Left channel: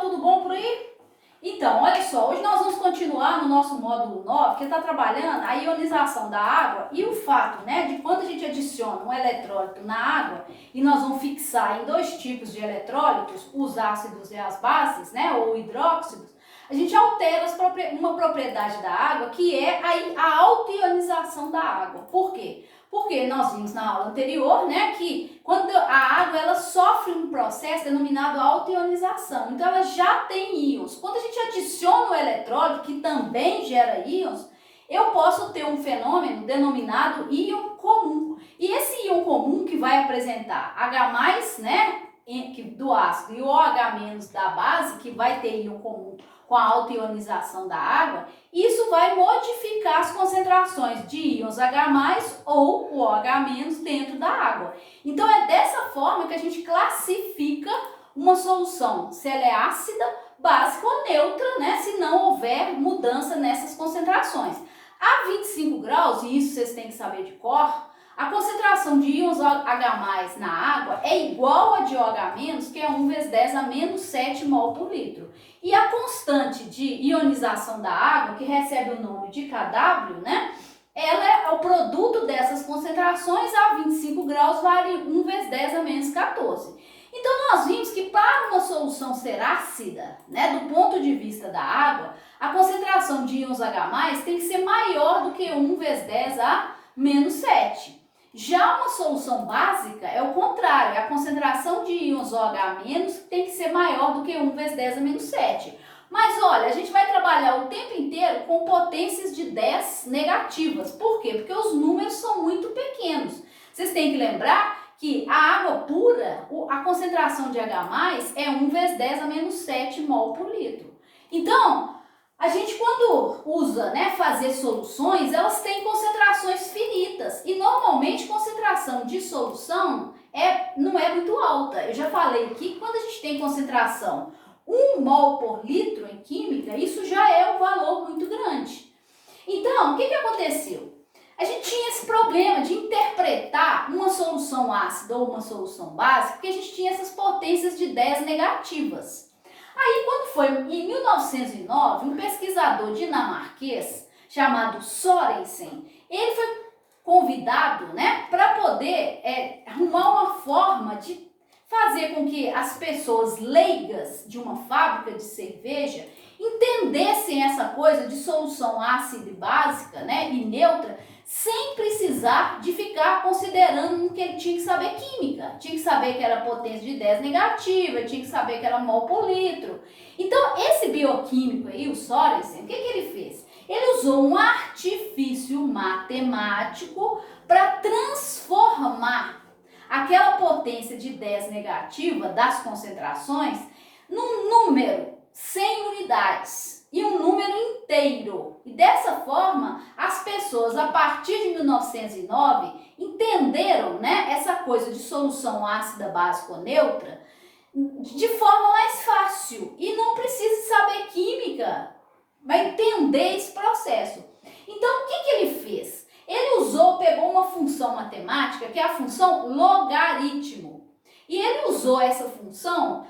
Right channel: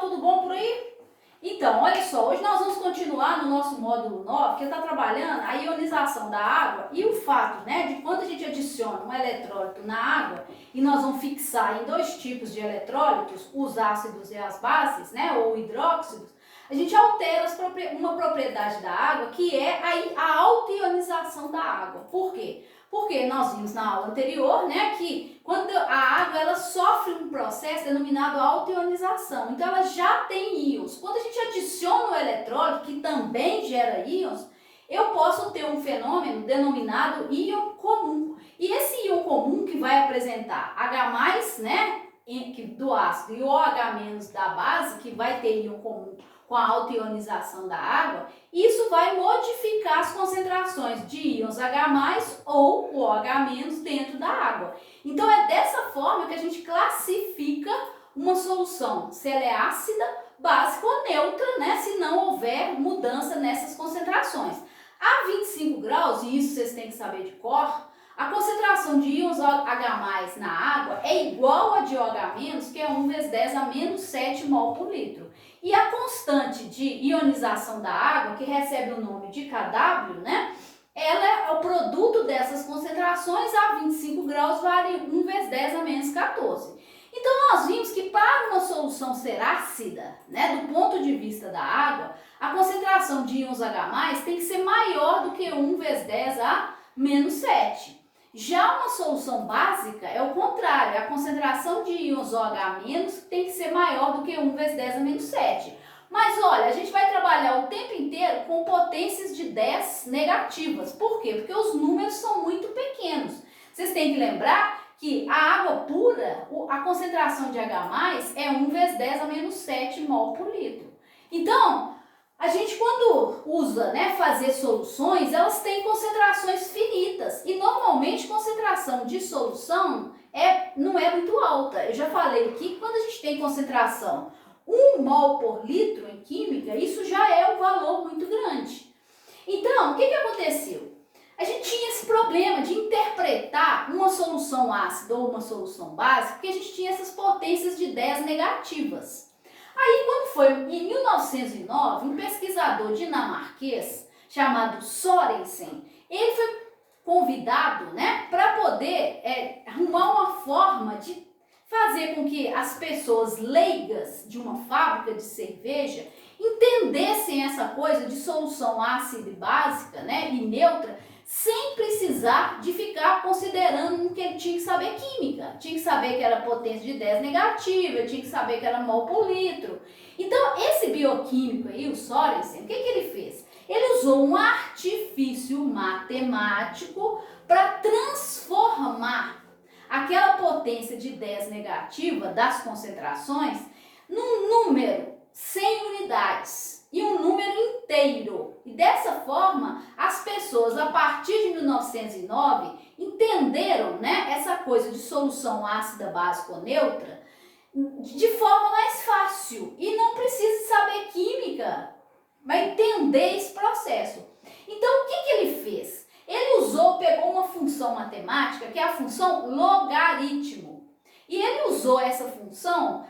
pessoal, tudo bom por aí? Então, olha só, hoje nós vamos continuar no nosso módulo 9, que está trabalhando a ionização da água e o fato, né, de quando a gente adiciona um eletrólito na água, e nós vamos fixar em dois tipos de eletrólitos, os ácidos e as bases, né, ou hidróxidos, a gente altera uma propriedade da água, que é a autoionização da água. Por quê? Porque nós vimos na aula anterior, né, que quando a água ela sofre um processo denominado autoionização, então ela já tem íons. Quando a gente adiciona o eletrólito, que também gera íons, eu posso ter um fenômeno denominado íon comum. E esse íon comum que vai apresentar H+, né, do ácido, e o OH- da base, que vai ter íon comum com a autoionização da água, isso vai modificar as concentrações de íons H+, ou o OH- dentro da água. Então é dessa forma que a gente classifica uma solução, se ela é ácida, básica ou neutra, né, se não houver mudança nessas concentrações. A 25 graus, e isso vocês têm que saber de cor, a concentração de íons H+ na água é igual a de OH-, que é 1 vezes 10 a menos 7 mol por litro. E a constante de ionização da água, que recebe o nome de Kw, né, ela é o produto dessas concentrações a 25 graus, vale 1 vezes 10 a menos 14. Então, nós vimos que para uma solução ser ácida, né, do ponto de vista da água, a concentração de íons H+ tem que ser maior do que 1 vezes 10 a menos 7. Já uma solução básica é o contrário, a concentração de íons OH- tem que ser maior do que 1 vezes 10 a menos 7. Mas olha, a gente vai trabalhar o tempo inteiro com potências de 10 negativas. Por quê? Porque os números são muito pequenos. Vocês têm que lembrar que a água pura, a concentração de H+ é 1 vezes 10 a menos 7 mol por litro. Então, a gente quando usa, né, fazer soluções, elas têm concentrações finitas e normalmente concentração de solução não é muito alta. Eu já falei aqui que quando a gente tem concentração 1 mol por litro em química, isso já é um valor muito grande. Então, o que aconteceu? A gente tinha esse problema de interpretar uma solução ácida ou uma solução básica, porque a gente tinha essas potências de 10 negativas. Aí, quando foi em 1909, um pesquisador dinamarquês chamado Sørensen, ele foi convidado, né, para poder arrumar uma forma de fazer com que as pessoas leigas de uma fábrica de cerveja entendessem essa coisa de solução ácida e básica, né, e neutra, sem precisar de ficar considerando que ele tinha que saber química, tinha que saber que era potência de 10 negativa, tinha que saber que era mol por litro. Então, esse bioquímico aí, o Sørensen, o que ele fez? Ele usou um artifício matemático para transformar aquela potência de 10 negativa das concentrações num número sem unidades e um número inteiro. E dessa forma, as pessoas, a partir de 1909, entenderam, né, essa coisa de solução ácida, básica ou neutra de forma mais fácil. E não precisa saber química para entender esse processo. Então, o que ele fez? Ele pegou uma função matemática, que é a função logaritmo. E ele usou essa função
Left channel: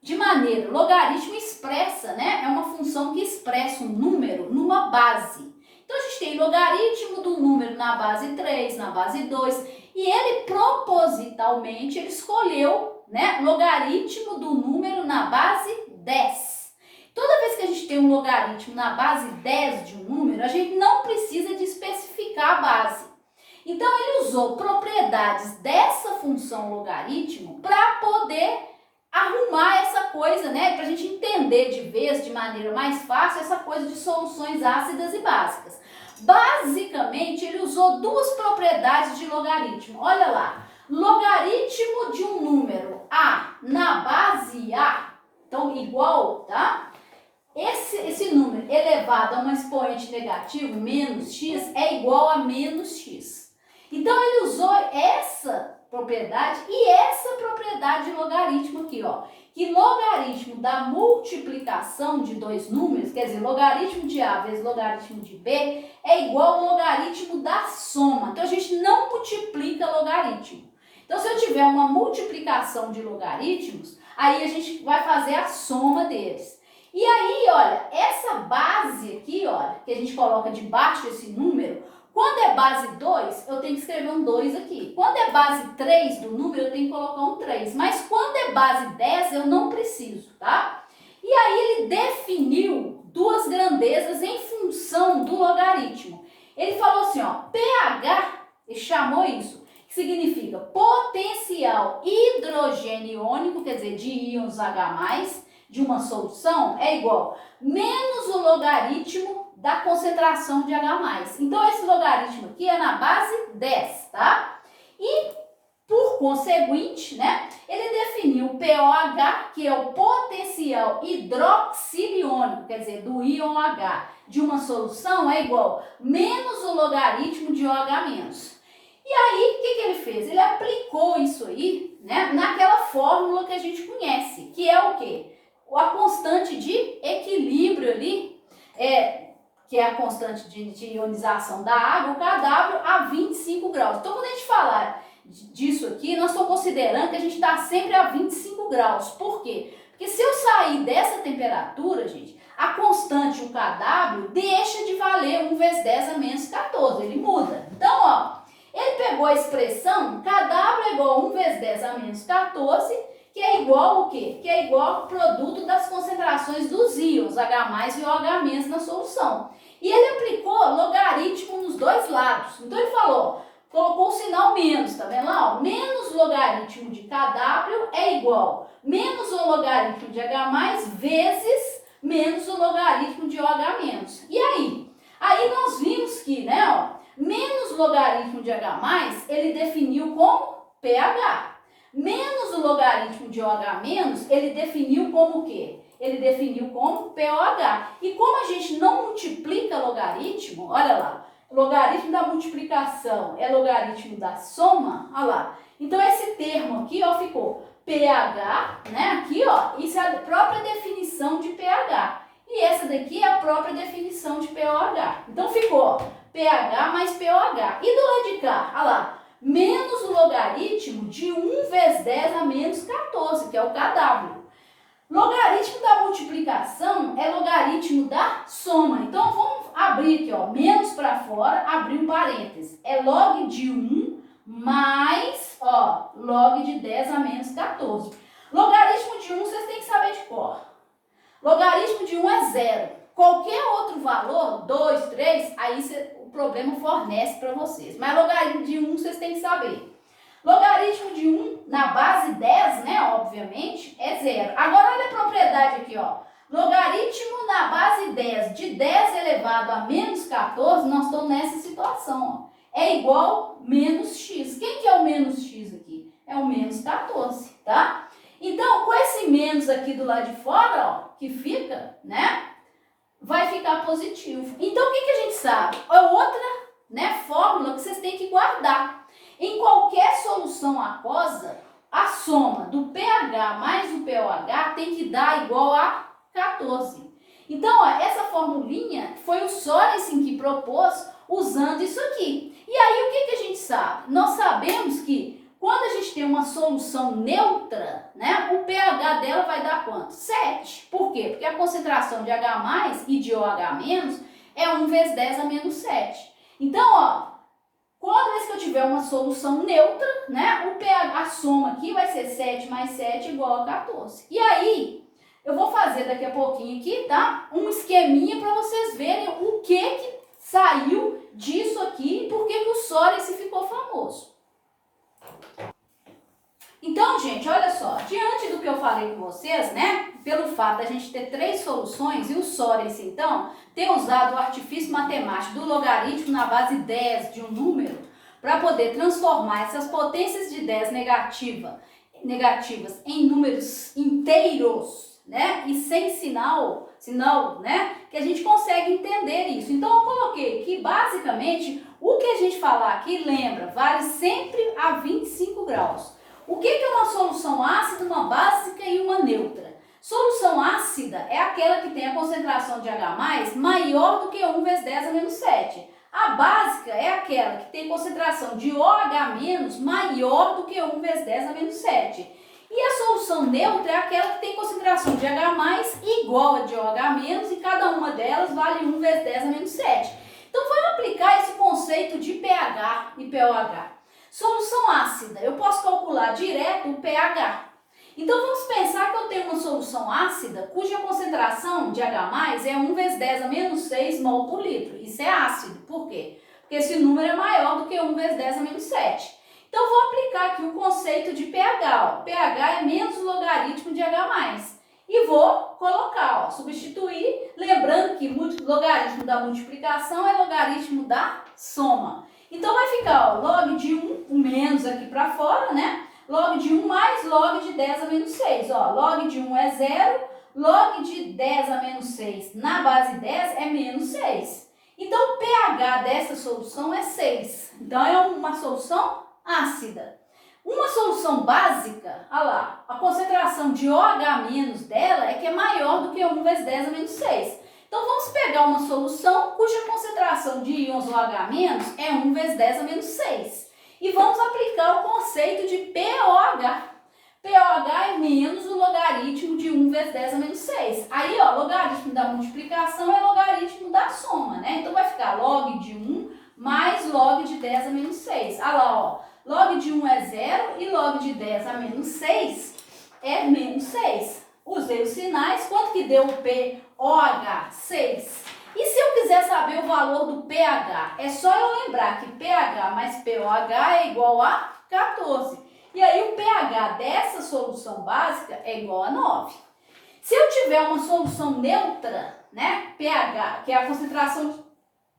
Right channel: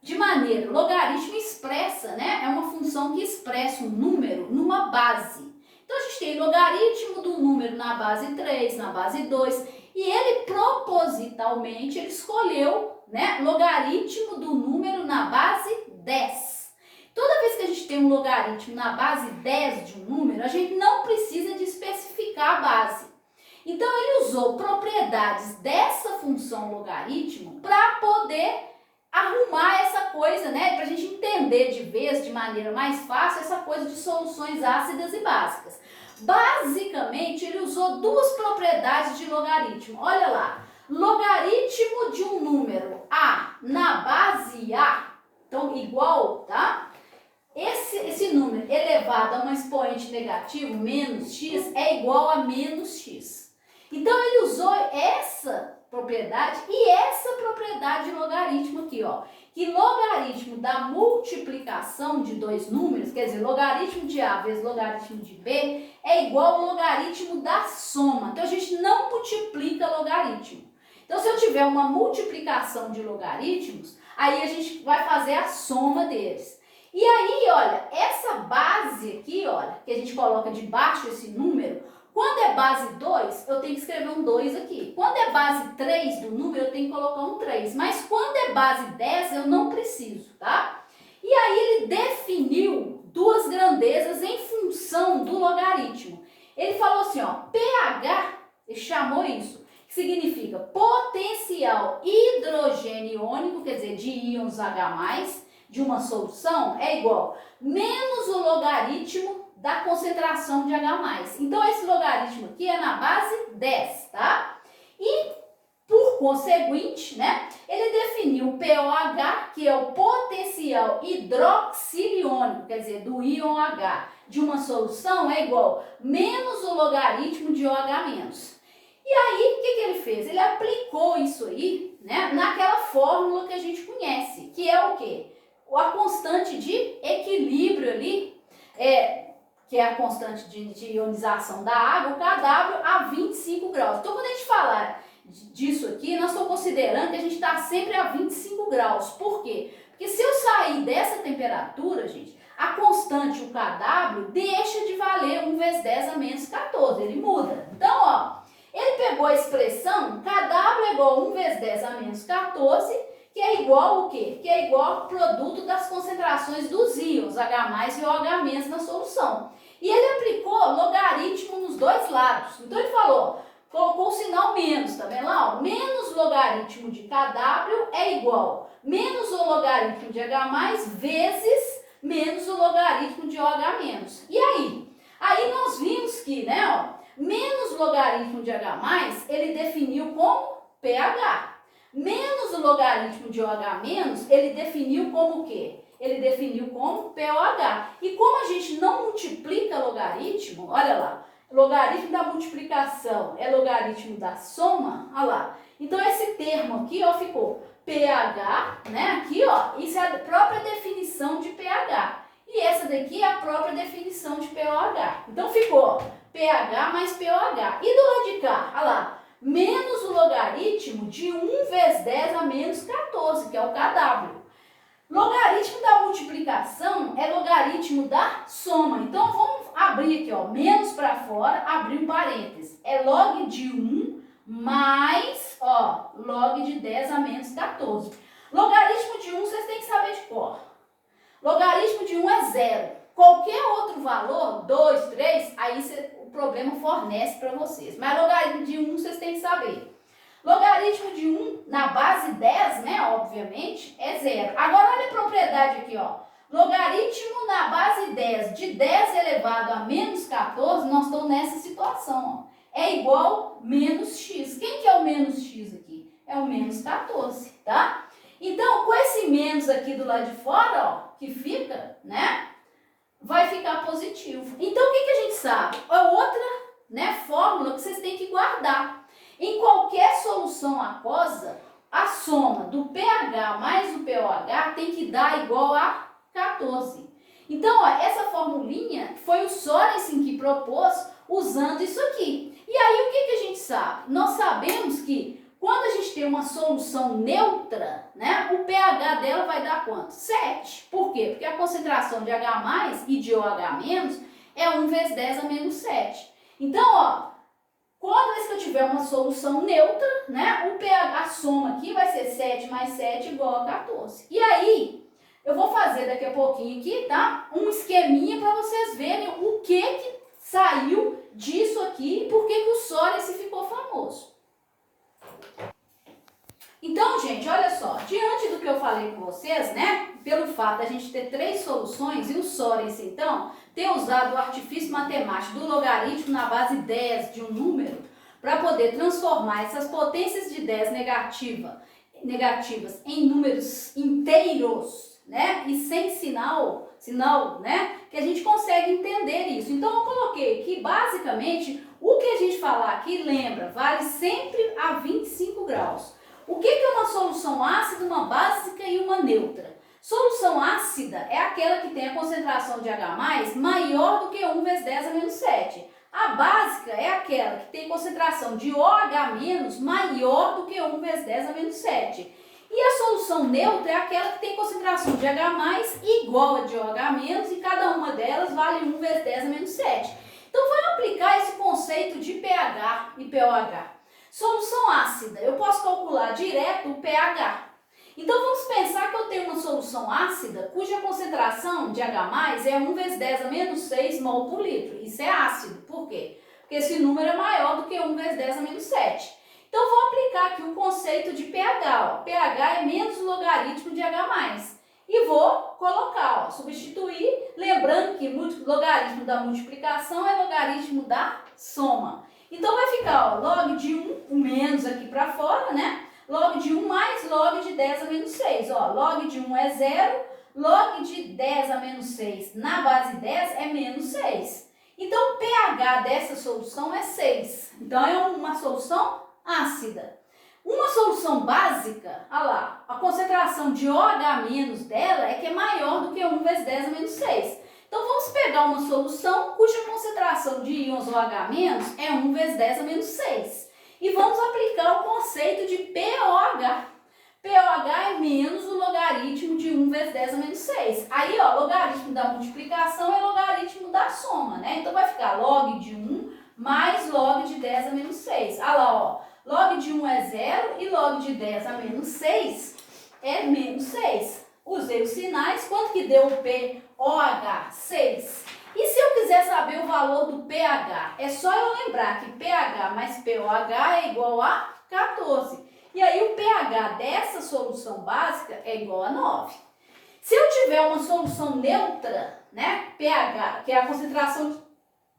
de maneira, logaritmo expressa, né? É uma função que expressa um número numa base. Então, a gente tem logaritmo do número na base 3, na base 2, e ele propositalmente ele escolheu, né, logaritmo do número na base 10. Toda vez que a gente tem um logaritmo na base 10 de um número, a gente não precisa de especificar a base. Então, ele usou propriedades dessa função logaritmo para poder arrumar essa coisa, né, para a gente entender de vez, de maneira mais fácil, essa coisa de soluções ácidas e básicas. Basicamente, ele usou duas propriedades de logaritmo. Olha lá, logaritmo de um número A na base A, então igual, tá? Esse número elevado a um expoente negativo, menos x, é igual a menos x. Então, ele usou essa propriedade e essa propriedade de logaritmo aqui, ó, que logaritmo da multiplicação de dois números, quer dizer, logaritmo de A vezes logaritmo de B, é igual ao logaritmo da soma. Então, a gente não multiplica logaritmo. Então, se eu tiver uma multiplicação de logaritmos, Aí a gente vai fazer a soma deles. E aí, olha, essa base aqui, olha, que a gente coloca debaixo desse número, quando é base 2, eu tenho que escrever um 2 aqui. Quando é base 3 do número, eu tenho que colocar um 3. Mas quando é base 10, eu não preciso, tá? E aí ele definiu duas grandezas em função do logaritmo. Ele falou assim, ó, pH, ele chamou isso, que significa potencial hidrogênio iônico, quer dizer, de íons H+, de uma solução, é igual menos o logaritmo da concentração de H+. Então, esse logaritmo aqui é na base 10, tá? E, por conseguinte, né, ele definiu o POH, que é o potencial hidroxiliônico, quer dizer, do íon H, de uma solução é igual menos o logaritmo de OH-. E aí, o que ele fez? Ele aplicou isso aí, né, naquela fórmula que a gente conhece, que é o quê? A constante de equilíbrio ali, que é a constante de ionização da água, o KW, a 25 graus. Então, quando a gente falar disso aqui, nós estamos considerando que a gente está sempre a 25 graus. Por quê? Porque se eu sair dessa temperatura, gente, a constante, o KW, deixa de valer 1 vezes 10 a menos 14, ele muda. Então, ó, ele pegou a expressão KW é igual a 1 vezes 10 a menos 14, que é igual o quê? Que é igual ao produto das concentrações dos íons H+ e OH- na solução. E ele aplicou logaritmo nos dois lados. Então ele falou, colocou o sinal menos, tá vendo lá? Ó, menos logaritmo de KW é igual menos o logaritmo de H+ vezes menos o logaritmo de OH-. E aí? Aí nós vimos que, né, ó, menos logaritmo de H+, ele definiu como pH. Menos o logaritmo de OH-, ele definiu como o quê? Ele definiu como POH. E como a gente não multiplica logaritmo, olha lá, logaritmo da multiplicação é logaritmo da soma, olha lá. Então esse termo aqui, ó, ficou pH, né? Aqui, ó, isso é a própria definição de pH. E essa daqui é a própria definição de POH. Então ficou, ó, pH mais POH. E do lado de cá, olha lá, menos o logaritmo de 1 vezes 10 a menos 14, que é o KW. Logaritmo da multiplicação é logaritmo da soma. Então, vamos abrir aqui, ó, menos para fora, abrir um parênteses. É log de 1 mais, ó, log de 10 a menos 14. Logaritmo de 1 vocês têm que saber de cor. Logaritmo de 1 é 0. Qualquer outro valor, 2, 3, aí o problema fornece para vocês. Mas logaritmo de 1 vocês têm que saber. Logaritmo de 1 na base 10, né, obviamente, é 0. Agora, olha a propriedade aqui, ó. Logaritmo na base 10 de 10 elevado a menos 14, nós estamos nessa situação, ó. É igual menos x. Quem que é o menos x aqui? É o menos 14, tá? Então, com esse menos aqui do lado de fora, ó, que fica, né, vai ficar positivo. Então, o que a gente sabe? É outra, né, fórmula que vocês têm que guardar. Em qualquer solução aquosa, a soma do pH mais o POH tem que dar igual a 14. Então, ó, essa formulinha foi o Sorensen que propôs usando isso aqui. E aí, o que a gente sabe? Nós sabemos que quando a gente tem uma solução neutra, né, o pH dela vai dar quanto? 7. Por quê? Porque a concentração de H+ e de OH- é 1 vezes 10 a menos 7. Então, ó, toda vez que eu tiver uma solução neutra, né, o pH, a soma aqui vai ser 7 mais 7 igual a 14. E aí, eu vou fazer daqui a pouquinho aqui, tá? Um esqueminha para vocês verem o que saiu disso aqui e por que o Sorensen ficou famoso. Então, gente, olha só, diante do que eu falei com vocês, né, pelo fato da gente ter 3 soluções e o Sorensen, então, ter usado o artifício matemático do logaritmo na base 10 de um número para poder transformar essas potências de 10 negativas em números inteiros, né, e sem sinal, né, que a gente consegue entender isso. Então, eu coloquei que, basicamente, o que a gente falar aqui, lembra, vale sempre a 25 graus. O que é uma solução ácida, uma básica e uma neutra? Solução ácida é aquela que tem a concentração de H+ maior do que 1 vezes 10 a menos 7. A básica é aquela que tem concentração de OH- maior do que 1 vezes 10 a menos 7. E a solução neutra é aquela que tem concentração de H+, igual a de OH-, e cada uma delas vale 1 vezes 10 a menos 7. Então, vamos aplicar esse conceito de pH e pOH. Solução ácida, eu posso calcular direto o pH. Então, vamos pensar que eu tenho uma solução ácida cuja concentração de H+, é 1 vezes 10 a menos 6 mol por litro. Isso é ácido. Por quê? Porque esse número é maior do que 1 vezes 10 a menos 7. Então, vou aplicar aqui o conceito de pH. Ó. pH é menos o logaritmo de H+. E vou colocar, ó, substituir, lembrando que logaritmo da multiplicação é logaritmo da soma. Então, vai ficar, ó, log de 1, o menos aqui para fora, né? Log de 1 mais log de 10 a menos 6. Ó, log de 1 é 0, log de 10 a menos 6 na base 10 é menos 6. Então, o pH dessa solução é 6. Então, é uma solução ácida. Uma solução básica, olha lá, a concentração de OH- dela é que é maior do que 1 vezes 10 a menos 6. Então, vamos pegar uma solução cuja concentração de íons OH- é 1 vezes 10 a menos 6. E vamos aplicar o conceito de pOH. pOH é menos o logaritmo de 1 vezes 10 a menos 6. Aí, ó, logaritmo da multiplicação é logaritmo da soma, né? Então, vai ficar log de 1 mais log de 10 a menos 6. Olha lá, ó. Log de 1 é 0 e log de 10 a menos 6 é menos 6. Usei os sinais. Quanto que deu o pOH? 6. E se eu quiser saber o valor do pH? É só eu lembrar que pH mais pOH é igual a 14. E aí o pH dessa solução básica é igual a 9. Se eu tiver uma solução neutra, né, pH, que é a concentração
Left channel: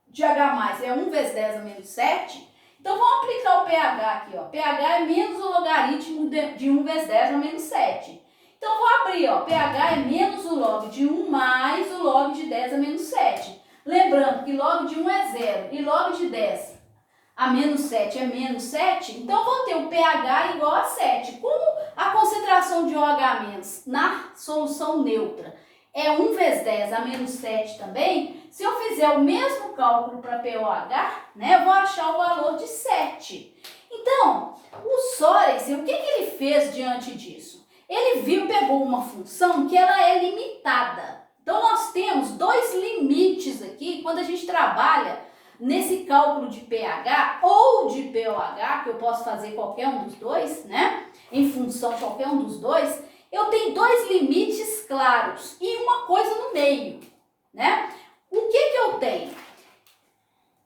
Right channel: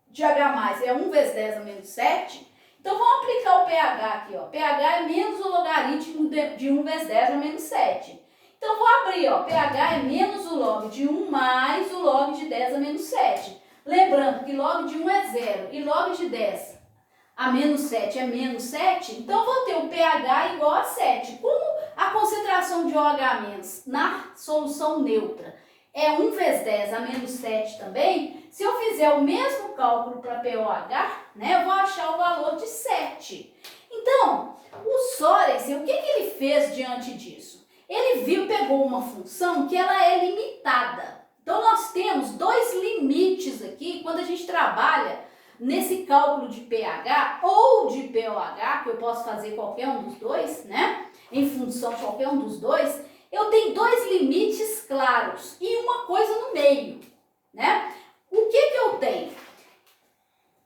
de H+, é 1 vezes 10 a menos 7, então vamos aplicar o pH aqui, ó. pH é menos o logaritmo de 1 vezes 10 a menos 7. Então, vou abrir, ó, pH é menos o log de 1 mais o log de 10 a menos 7. Lembrando que log de 1 é 0 e log de 10 a menos 7 é menos 7, então vou ter o pH igual a 7. Como a concentração de OH- na solução neutra é 1 vezes 10 a menos 7 também, se eu fizer o mesmo cálculo para pOH, né, eu vou achar o valor de 7. Então, o Sorensen, o que ele fez diante disso? Ele pegou uma função que ela é limitada. Então, nós temos dois limites aqui quando a gente trabalha nesse cálculo de pH ou de pOH, que eu posso fazer qualquer um dos dois, né? Em função de qualquer um dos dois, eu tenho dois limites claros e uma coisa no meio, né? O que eu tenho?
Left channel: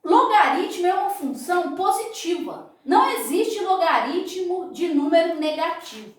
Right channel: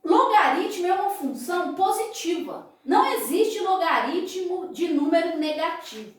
Logaritmo é uma função positiva. Não existe logaritmo de número negativo.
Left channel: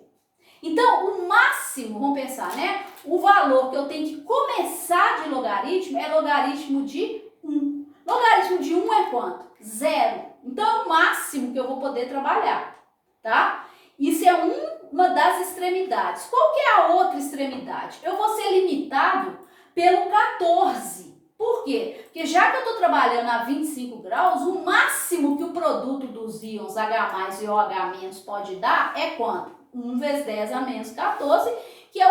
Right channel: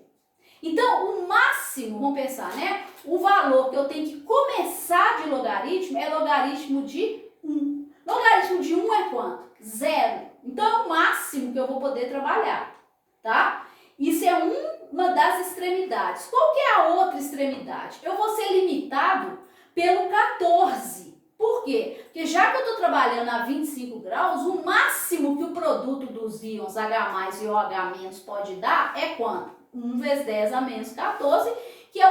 Então, o máximo, vamos pensar, né? O valor que eu tenho que começar de logaritmo é logaritmo de 1. Logaritmo de 1 é quanto? 0. Então, é o máximo que eu vou poder trabalhar, tá? Isso é uma das extremidades. Qual que é a outra extremidade? Eu vou ser limitado pelo 14. Por quê? Porque já que eu estou trabalhando a 25 graus, o máximo que o produto dos íons H+ e OH- pode dar é quanto? 1 vezes 10 a menos 14, que é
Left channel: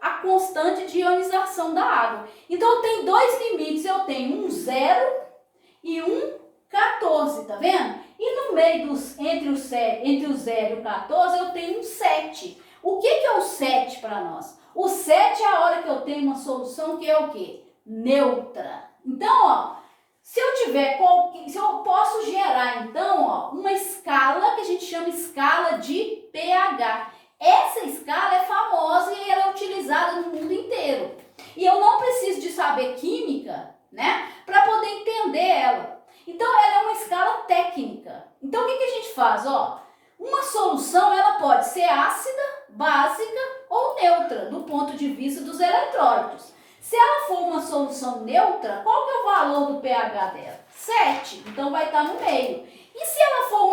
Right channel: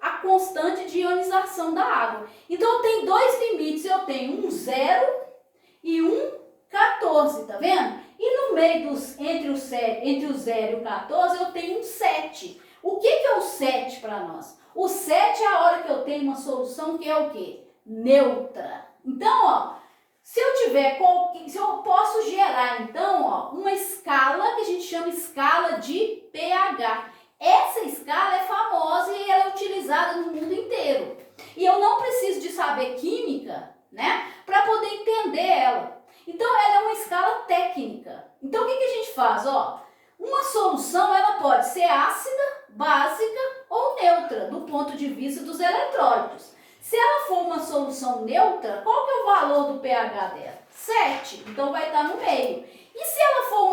a constante de ionização da água. Então, eu tenho dois limites. Eu tenho um 0 e um 14, tá vendo? E no meio entre o 0 e o 14, eu tenho um 7. O que é o 7 para nós? O 7 é a hora que eu tenho uma solução que é o quê? Neutra. Então, ó, se eu posso gerar, então, ó, uma escala que a gente chama escala de pH. Essa escala é famosa e ela é utilizada no mundo inteiro. E eu não preciso de saber química, né, para poder entender ela. Então, ela é uma escala técnica. Então, o que a gente faz? Ó, uma solução, ela pode ser ácida, básica ou neutra, do ponto de vista dos eletrólitos. Se ela for uma solução neutra, qual que é o valor do pH dela? 7, então vai estar no meio. E se ela for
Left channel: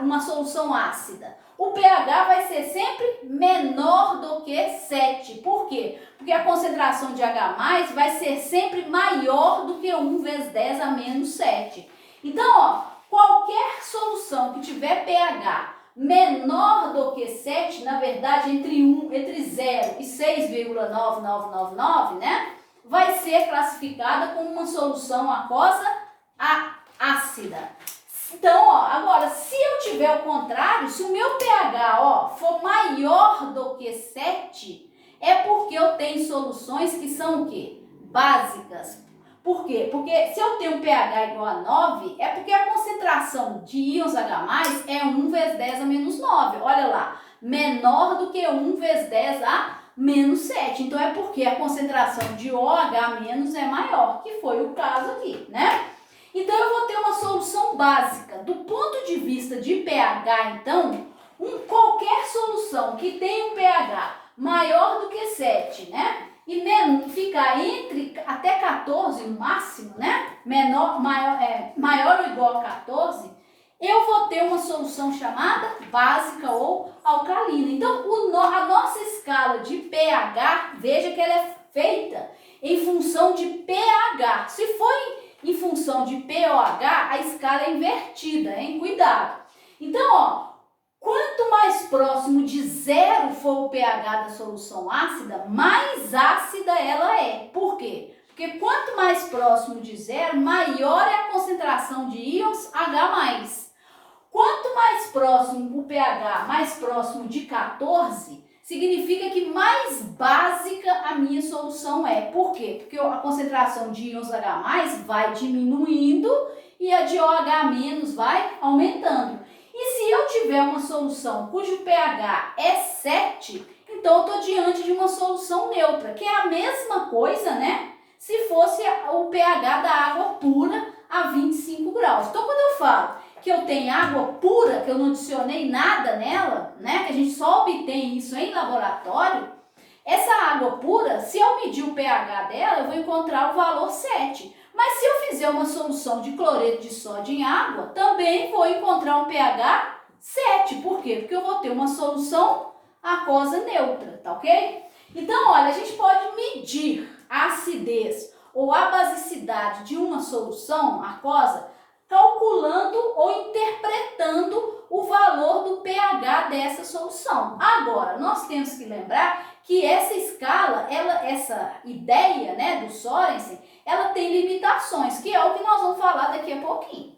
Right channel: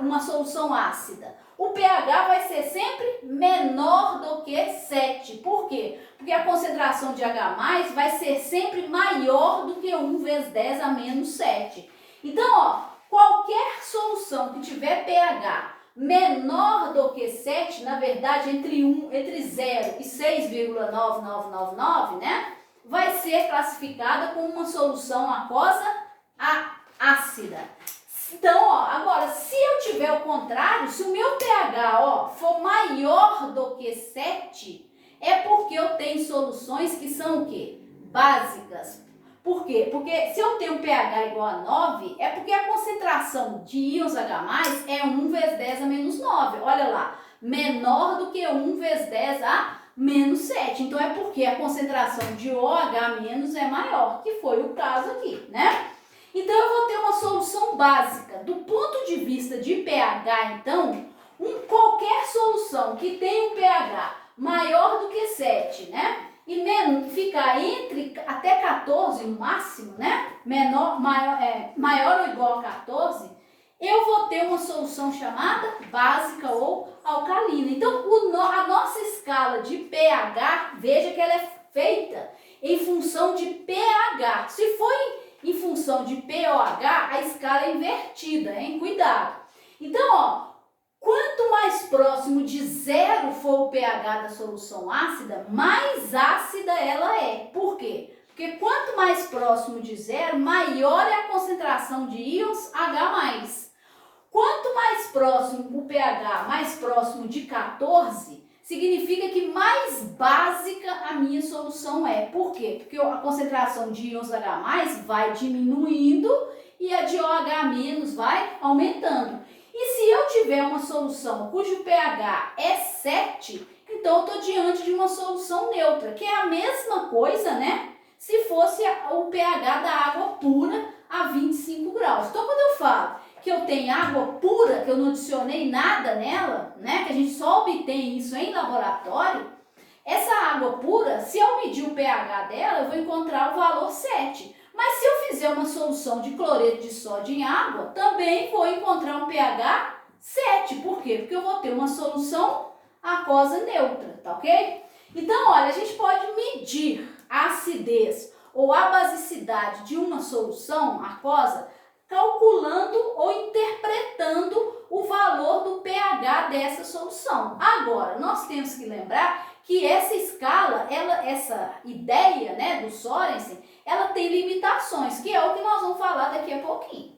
uma solução ácida? O pH vai ser sempre menor do que 7. Por quê? Porque a concentração de H+ vai ser sempre maior do que 1 vezes 10 a menos 7. Então, ó, qualquer solução que tiver pH menor do que 7, na verdade, entre 0 e 6,9999, né? Vai ser classificada como uma solução aquosa ácida. Então, ó, agora, se eu tiver o contrário, se o meu pH, ó, for maior do que 7, é porque eu tenho soluções que são o quê? Básicas. Por quê? Porque se eu tenho um pH igual a 9, é porque a concentração de íons H+, é 1 vezes 10 a menos 9. Olha lá, menor do que 1 vezes 10 a menos 7. Então, é porque a concentração de OH- é maior, que foi o caso aqui, né? Então, eu vou ter uma solução básica. Do ponto de vista de pH, então, qualquer solução que tenha um pH maior do que 7, né? E ficar entre até 14 no máximo, né? Maior ou igual a 14, eu vou ter uma solução chamada básica ou alcalina. Então, a nossa escala de pH, veja que ela é feita em função de pH. Se for em função de pOH, a escala é invertida, hein? Cuidado. Então, ó, quanto mais próximo de 0 for o pH da solução ácida, mais ácida ela é. Por quê? Porque quanto mais próximo de 0, maior é a concentração de íons H+. Quanto mais próximo o pH, mais próximo de 14, significa que mais básica a minha solução é. Por quê? Porque a concentração de íons H+ vai diminuindo e a de OH- vai aumentando. E se eu tiver uma solução cujo pH é 7, então eu estou diante de uma solução neutra, que é a mesma coisa, né? Se fosse o pH da água pura a 25 graus. Então, quando eu falo que eu tenho água pura, que eu não adicionei nada nela, né? Que a gente só obtém isso em laboratório, essa água pura, se eu medir o pH dela, eu vou encontrar o valor 7. Mas se eu fizer uma solução de cloreto de sódio em água, também vou encontrar um pH 7. Por quê? Porque eu vou ter uma solução aquosa neutra, tá ok? Então, olha, a gente pode medir a acidez ou a basicidade de uma solução aquosa calculando ou interpretando o valor do pH dessa solução. Agora, nós temos que lembrar que essa escala, essa ideia, né, do Sorensen, ela tem limitações, que é o que nós vamos falar daqui a pouquinho.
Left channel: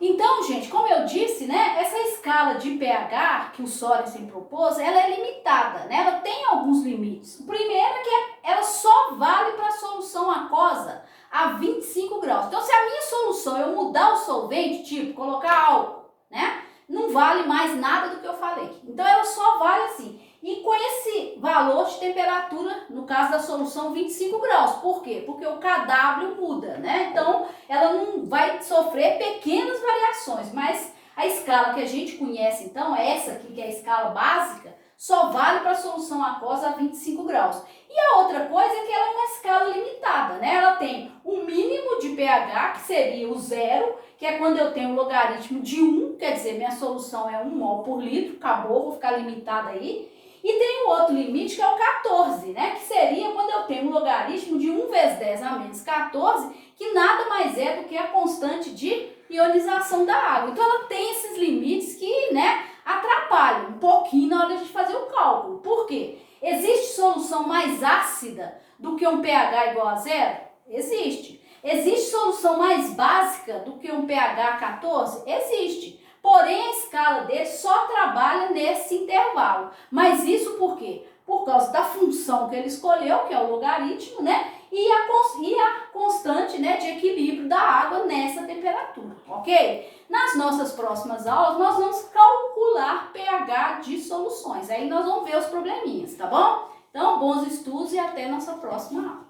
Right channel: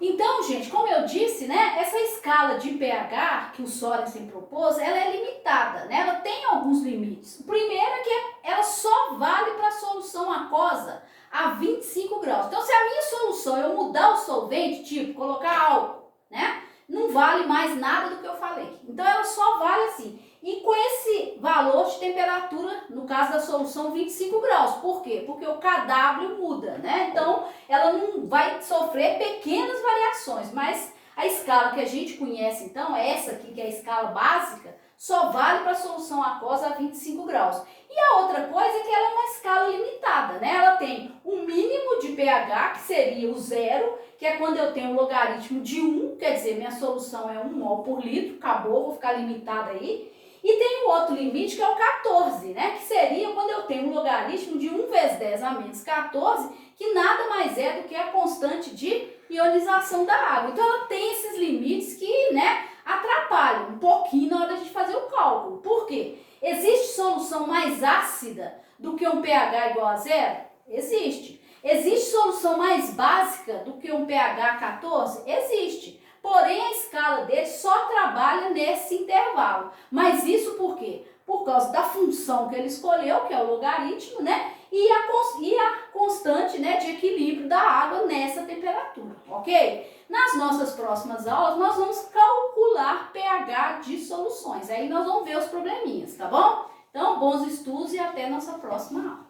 Então, gente, como eu disse, né, essa escala de pH que o Sorensen propôs, ela é limitada, né? Ela tem alguns limites. O primeiro é que ela só vale para a solução aquosa a 25 graus. Então, se a minha solução eu mudar o solvente, tipo colocar álcool, né, não vale mais nada do que eu falei. Então, ela só vale assim. E com esse valor de temperatura, no caso da solução, 25 graus. Por quê? Porque o kW muda, né? Então, ela não vai sofrer pequenas variações, mas a escala que a gente conhece, então, essa aqui, que é a escala básica, só vale para a solução aquosa a 25 graus. E a outra coisa é que ela é uma escala limitada, né? Ela tem um mínimo de pH, que seria o 0, que é quando eu tenho o logaritmo de 1, quer dizer, minha solução é 1 mol por litro, acabou, vou ficar limitada aí. E tem o outro limite, que é o 14, né? Que seria quando eu tenho um logaritmo de 1 vezes 10 a menos 14, que nada mais é do que a constante de ionização da água. Então, ela tem esses limites que, né, atrapalham um pouquinho na hora de fazer o cálculo. Por quê? Existe solução mais ácida do que um pH igual a 0? Existe. Existe solução mais básica do que um pH 14? Existe. Porém, a escala dele só trabalha nesse intervalo. Mas isso por quê? Por causa da função que ele escolheu, que é o logaritmo, né? E a constante, né, de equilíbrio da água nessa temperatura, ok? Nas nossas próximas aulas, nós vamos calcular pH de soluções. Aí nós vamos ver os probleminhas, tá bom? Então, bons estudos e até nossa próxima aula.